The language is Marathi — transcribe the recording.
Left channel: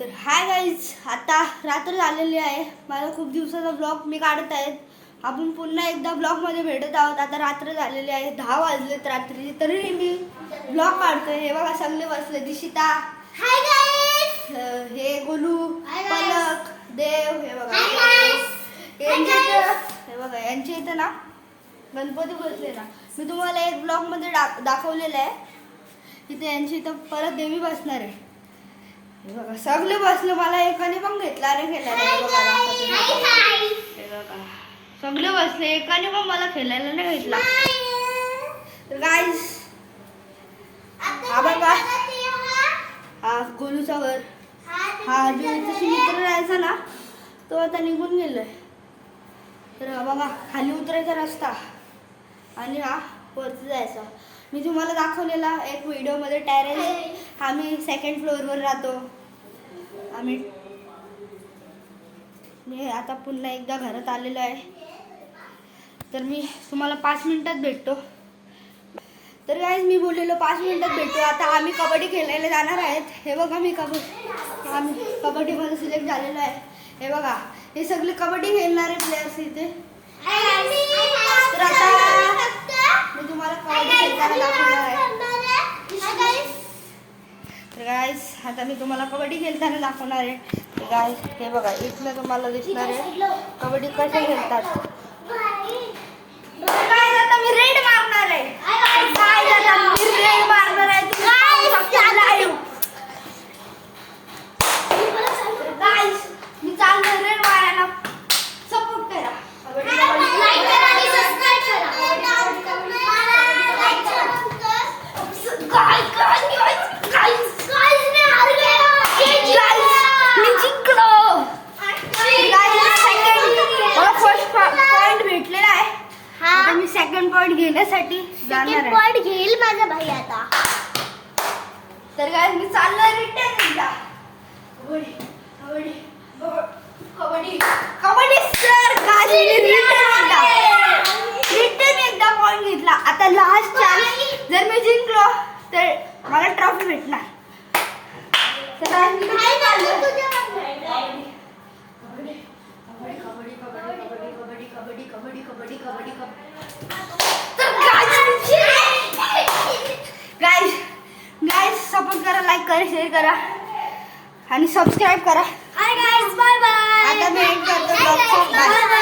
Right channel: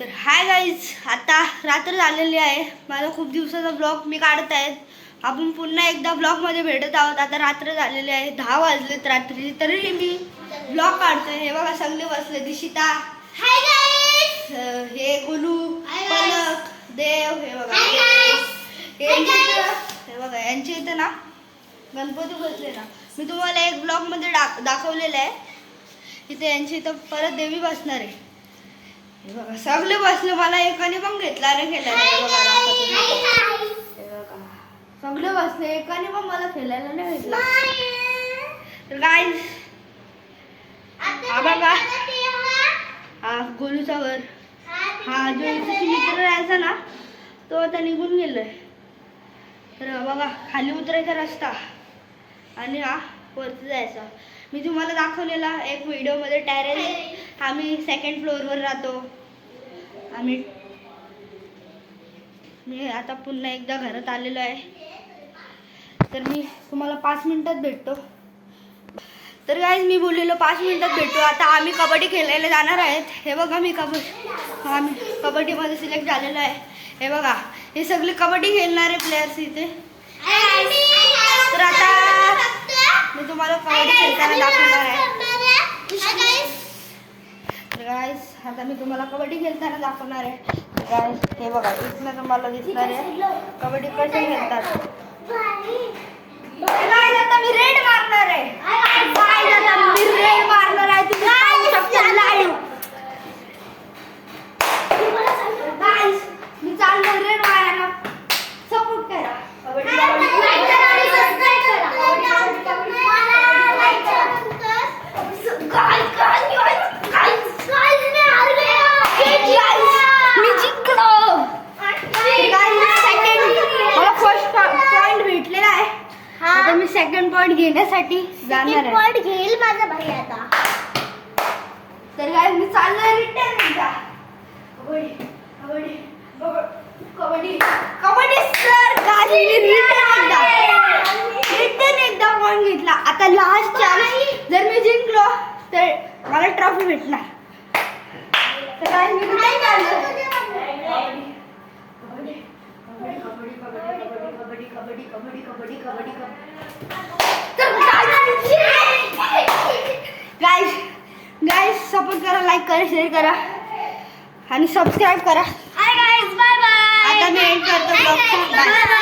तर हाय गाईज, आता रात्र झालेली आहे. मला खूप दिवसाचा ब्लॉग मी काढत आहेत. आपण पुन्हा एकदा ब्लॉगमध्ये भेटत आहोत. आता रात्र झालेली आहे, 10 वाजलेत रात्री, तरीही मी ब्लॉग काढतोय. हे बघा सगळे बसले, दिशिता, हाय गाईज, हे गोलू, पलक, देव, हे बघा हे बघा यांचे इथं ना गणपती बसले ना. मी तुम्हाला एक ब्लॉगमध्ये दाखवलेलं आहे. इथे यांची इथं परत देवी बसणार आहे. हे बघा सगळे बसले, मला एकाने पण घेतला नाही खेळायला. हे बघा सगळे बसले, एकाने पण मला खेळायला नाही घेतला. तर गाईज हा बघा, हा गोलूचा वर, हा जो इथे मित्र राहायचा ना तो आता निघून गेलोय. तर बघा खाली उतरायचा रस्ता आणि हा वरती जायचा. मी तुम्हाला दाखवलेला एक व्हिडिओमध्ये टेरेस, आम्ही सेकंड फ्लोअरवर राहतो. मी आता पुन्हा एकदा घरात आलेलो आहे. तर मी तुम्हाला 5 मिनिटात भेटतो. तर गाईज मी बोललेलो 5 मिनिटात भेटतो. आता आम्ही कबड्डी खेळायला जाणार आहेत. हे बघा मी आम्ही कबड्डीमध्ये सिलेक्ट झालेलो आहे. हे बघा हे सगळे कबड्डी खेळणारे प्लेयर्स इथे. तर आता मी तुम्हाला कबड्डी खेळताना दाखवणार आहे. तर गाईज आता मी तुम्हाला कबड्डी खेळताना दाखवणार आहे. तर गाईज हे बघा इथनं तुम्हाला दिसणार आहे कबड्डी कसे खेळतात. आता मी रेड मारणार आहे. मी रेड मारणार आहे. तुम्ही पाहू शकता लाईव्ह. मी चालणार रेड मारायला. सपोर्ट करा. मी जिंकलो. मला फर्स्ट पॉइंट भेटलेला आहे. आता मी सेकंड पॉइंट घेण्यासाठी जाणार आहे. घेईल माझा भाई आता. तर काय मी चाललोय रिटर्न एकदा. कबड्डी रिटर्न एकदा पॉइंट घेतला. आता लास्ट चान्स, जर मी जिंकलो तर मला ट्रॉफी भेटणार. गाइस सपोर्ट करा, लाईक करा, शेअर करा आणि सबस्क्राईब करा. Bye bye. आता मी एंड करतो ब्लॉगचा. बाय.